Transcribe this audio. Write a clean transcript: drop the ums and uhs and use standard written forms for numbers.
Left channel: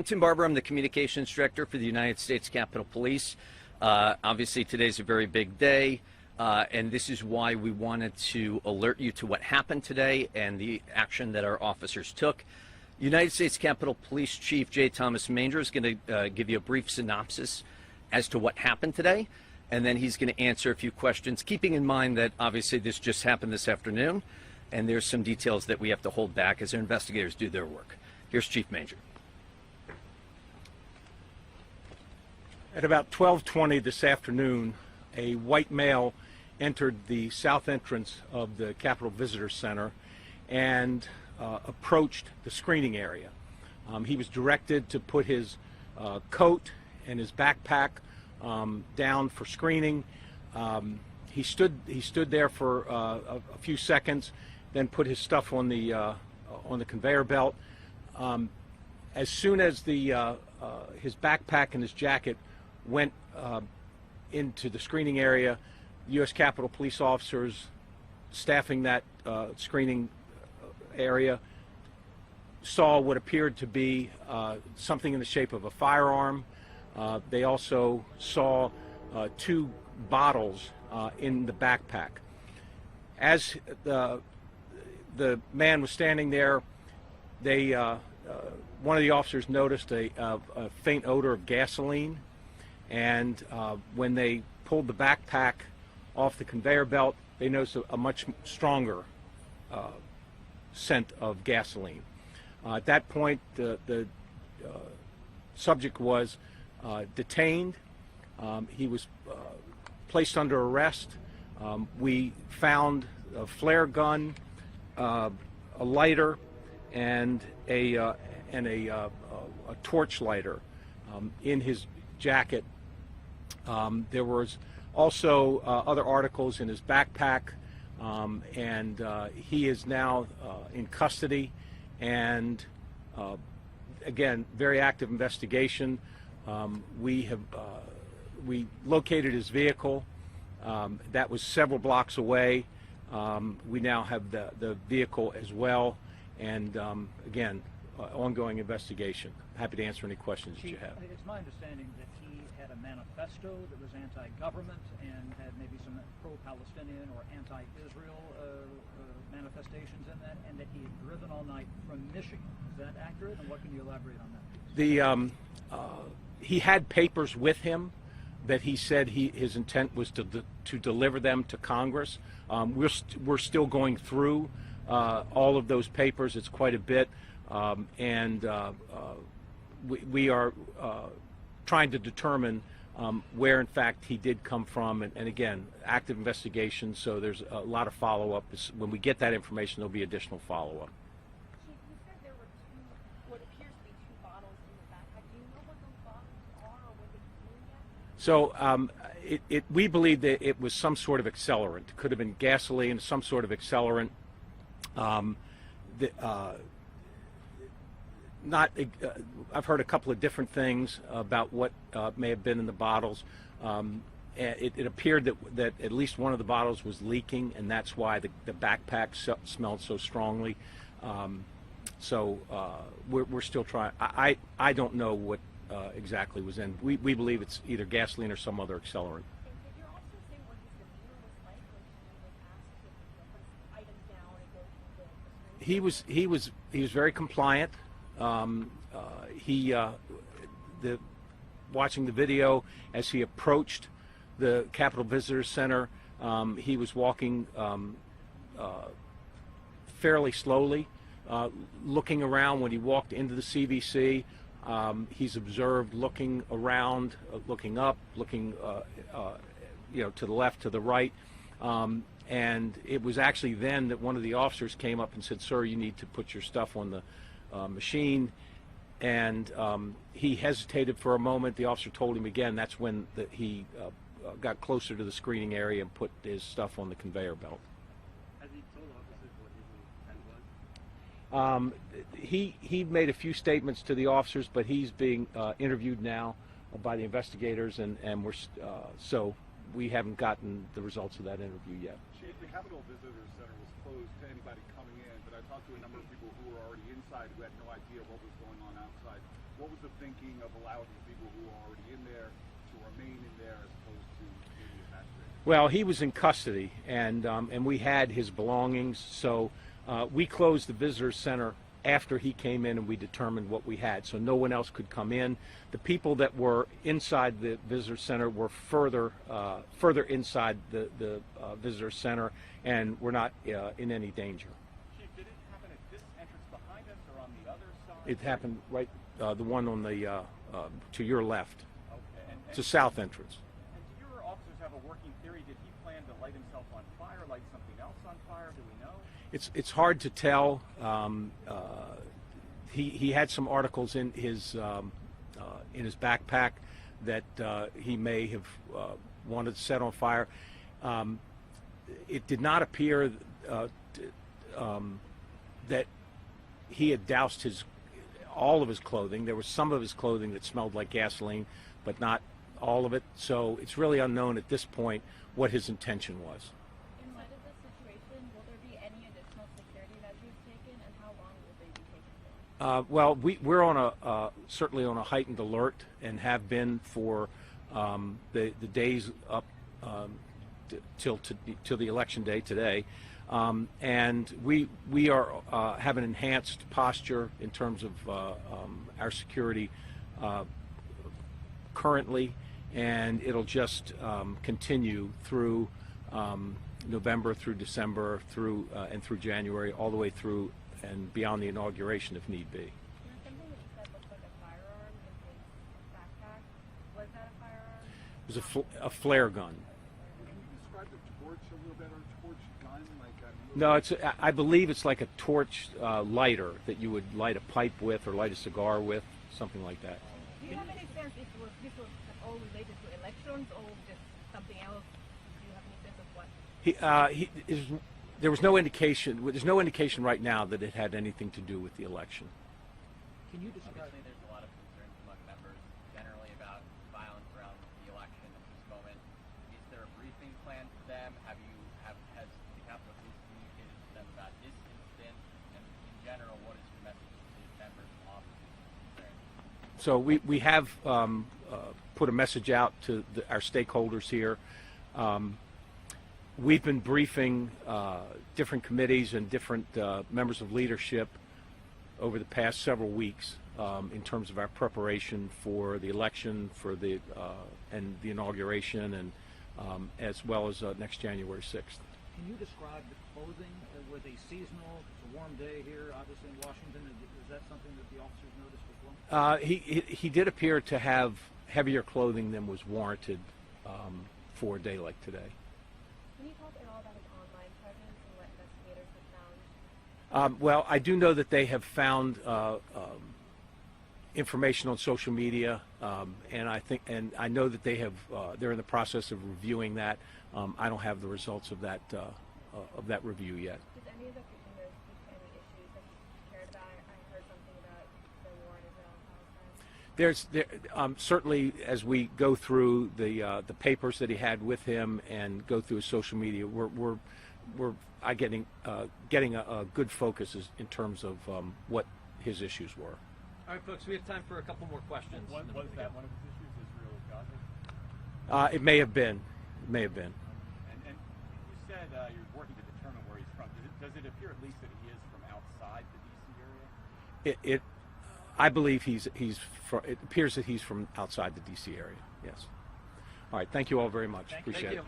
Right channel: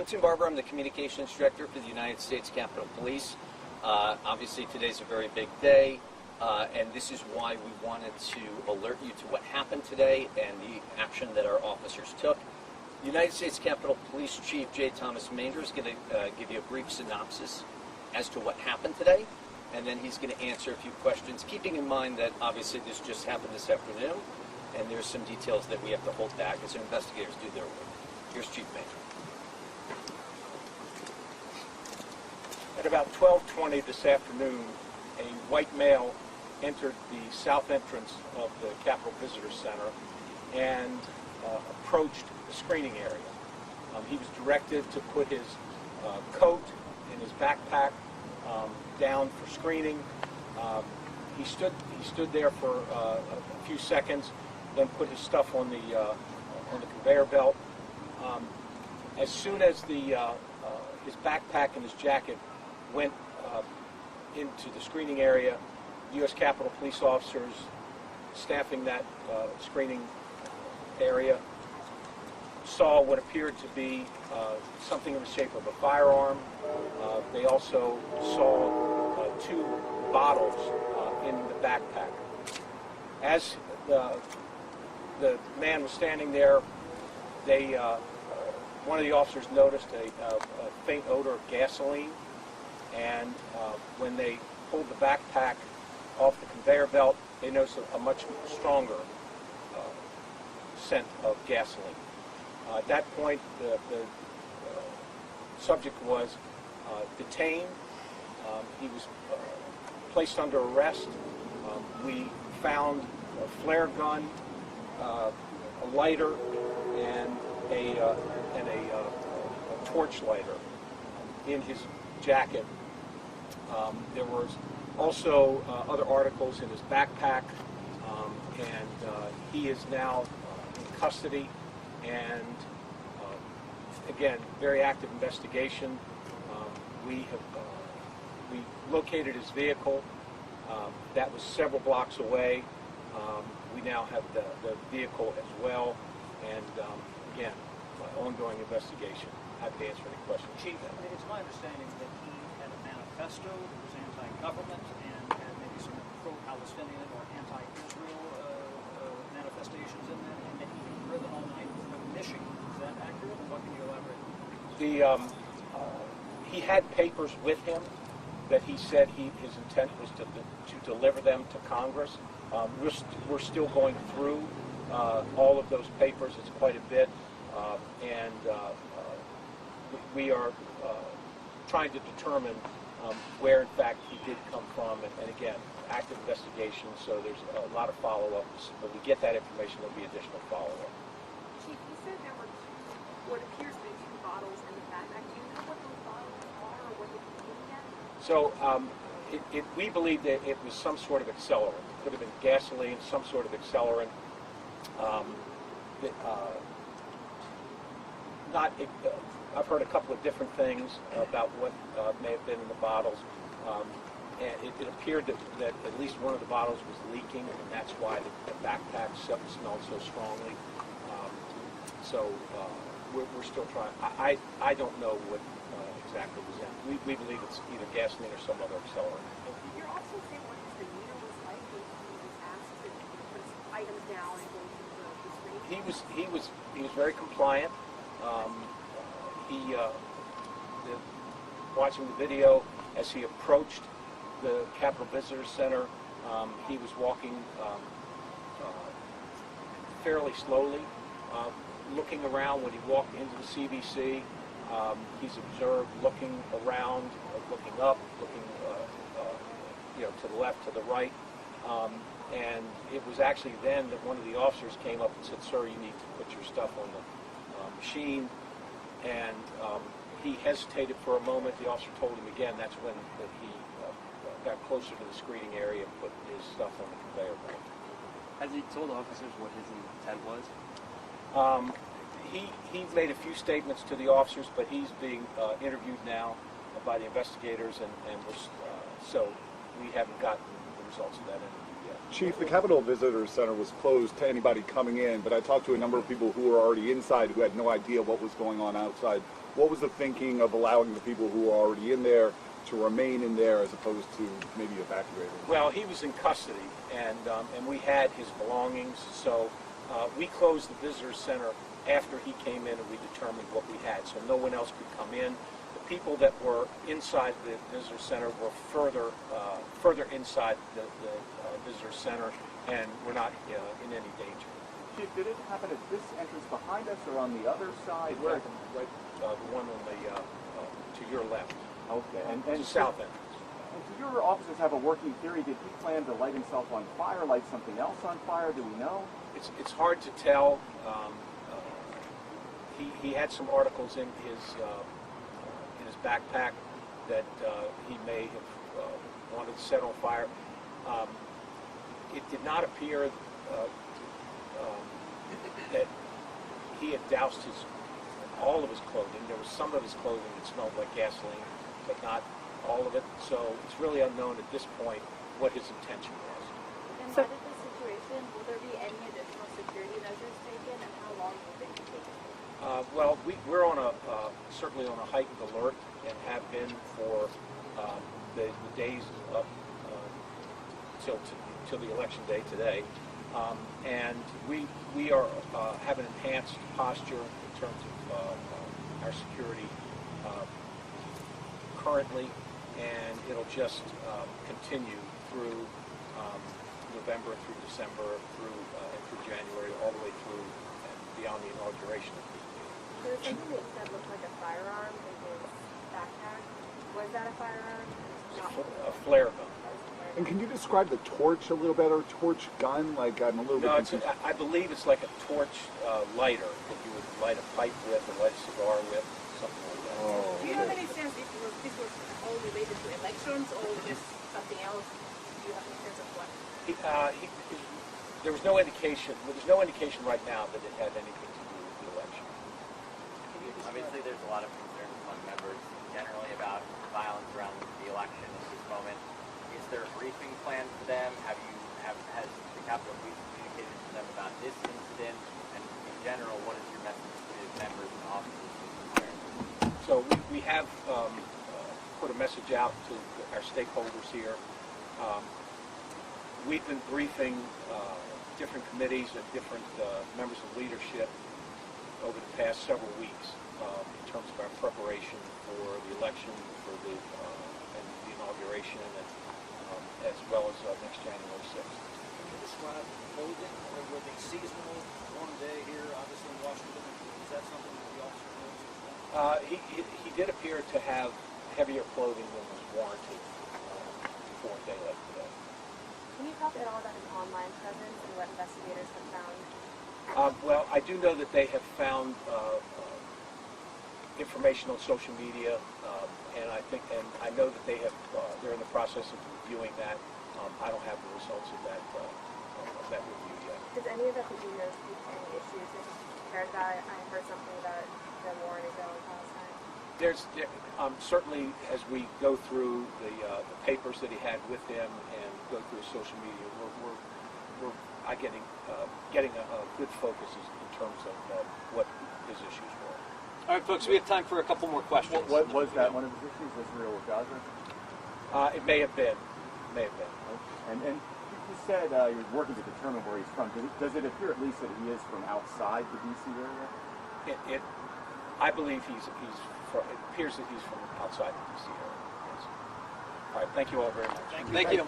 I'm Tim Barber. I'm the Communications Director for the United States Capitol Police. Obviously, today's a very big day, and this is why we wanted to alert you to what happened today and the action that our officers took. United States Capitol Police Chief J. Thomas Manger is going to give you a brief synopsis as to what happened today, and then he's going to answer a few questions, keeping in mind that obviously this just happened this afternoon, and there's some details that we have to hold back as investigators do their work. Here's Chief Manger. At about 12:20 this afternoon, a white male entered the south entrance of the Capitol Visitor Center and approached the screening area. He was directed to put his coat and his backpack down for screening. He stood there for a few seconds, then put his stuff on the conveyor belt. As soon as his backpack and his jacket went into the screening area, U.S. Capitol Police officers staffing that screening area saw what appeared to be something in the shape of a firearm. They also saw two bottles in the backpack. As the man was standing there, one of the officers noticed a faint odor of gasoline, and when they pulled the backpack off the conveyor belt, they noticed a much stronger scent of gasoline. At that point, the subject was detained. He was placed under arrest. We found a flare gun, a lighter, and a torch lighter in his jacket. There was also other articles in his backpack, and he is now in custody. And again, very active investigation. We located his vehicle. That was several blocks away. We now have the vehicle as well, and again, ongoing investigation. Happy to answer any questions. Chief, it's my understanding that he had a manifesto that was anti-government and had maybe some pro-Palestinian or anti-Israel manifestations in that, and that he had driven all night from Michigan. Is that accurate? And what can you elaborate? He had papers with him that he said his intent was to deliver them to Congress. We're still going through all of those papers. It's quite a bit, and we are trying to determine where, in fact, he did come from. And again, active investigation. So there's a lot of follow-up. When we get that information, there'll be additional follow-up. Chief, you said there were what appears to be two bottles in the backpack. Do you know what those bottles are or what they could be at? So we believe that it was some sort of accelerant. It could have been gasoline, some sort of accelerant. I've heard a couple of different things about what may have been in the bottles. And it appeared that at least one of the bottles was leaking, and that's why the backpack smelled so strongly. We're still trying. I don't know what exactly was in. We believe it's either gasoline or some other accelerant. You're also saying what his demeanor was like when he was asked to put his items down and go to the screen? He was very compliant. Watching the video, as he approached the Capitol Visitor Center, he was walking fairly slowly, looking around. When he walked into the CVC, he's observed looking around, looking up, looking to the left, to the right. And it was actually then that one of the officers came up and said, "Sir, you need to put your stuff on the machine." And he hesitated for a moment. The officer told him again. That's when he got closer to the screening area and put his stuff on the conveyor belt. Has he told officers what his intent was? He made a few statements to the officers, but he's being interviewed now by the investigators, and so we haven't gotten the results of that interview yet. Chief, the Capitol Visitor Center was closed to anybody coming in, but I talked to a number of people who were already inside who had no idea what was going on outside what was the thinking of allowing the people who are already in there to remain in there as opposed to maybe evacuating? Well, he was in custody, and we had his belongings, so we closed the visitor center after he came in, and we determined what we had, so no one else could come in. The people that were inside the visitor center were further inside the visitor center, and were not in any danger. Chief, did it happen at this entrance behind us or on the other side? It happened right, the one on the to your left. Okay. And It's a south entrance. And do your officers have a working theory? Did he plan to light himself on fire, light something else on fire? Do we know? It's hard to tell. He had some articles in his backpack that he may have wanted to set on fire. It did not appear that he had doused all of his clothing. There was some of his clothing that smelled like gasoline, but not all of it. So it's really unknown at this point what his intention was. In light of this situation, will there be any additional security measures taken, and how long will they be taken? Well, we're on certainly on a heightened alert, and have been for the days up till the election day today, and we are have an enhanced posture in terms of our security currently, and it'll just continue through November, through December, through January, all the way through and beyond the inauguration if need be. There was something that looked like a firearm in his backpack. Was that a firearm? It was a flare gun. And can you describe the torch a little better? Torch gun? Like, I'm a little No, bit confused. I believe it's like a torch lighter that you would light a pipe with or light a cigar with, something like that. Oh, Do you have any sense if this was all related to elections or just something else? Do you have any sense of what? There was no indication. There's no indication right now that it had anything to do with the election. Can you describe? Obviously, there's a lot of concerns among members generally about violence around the election at this moment. Is there a briefing plan for them? Has the Capitol Police communicated to them about this incident? And in general, what is your message to the members and officers concerned? So we have put a message out to our stakeholders here. We've been briefing different committees and different members of leadership over the past several weeks in terms of our preparation for the election, for the and the inauguration, and as well as next January 6th. Can you describe the clothing, or were they seasonal, warm day here, obviously in Washington? Is that something that the officer knows? He did appear to have heavier clothing than was warranted for a day like today. Can you talk at all about his online presence and what investigators have found? Well, I do know that they have found information on social media, and I know that they're in the process of reviewing that. I don't have the results of that review yet. Does any of that do you know speak to any issues that he's prepared about? I heard something about the war in Israel and Palestine. Certainly, as we go through the papers that he had with him and go through his social media, we're getting a good focus in terms of what his issues were. All right, folks, we have time for a couple more questions. What was that one of his issues? Israel or Gaza? It may have been. And you said you're working to determine where he's from. Does it appear at least that he is from outside the D.C. area? I believe it appears that he's from outside the D.C. area. Yes. All right. Thank you all very much. Thank you.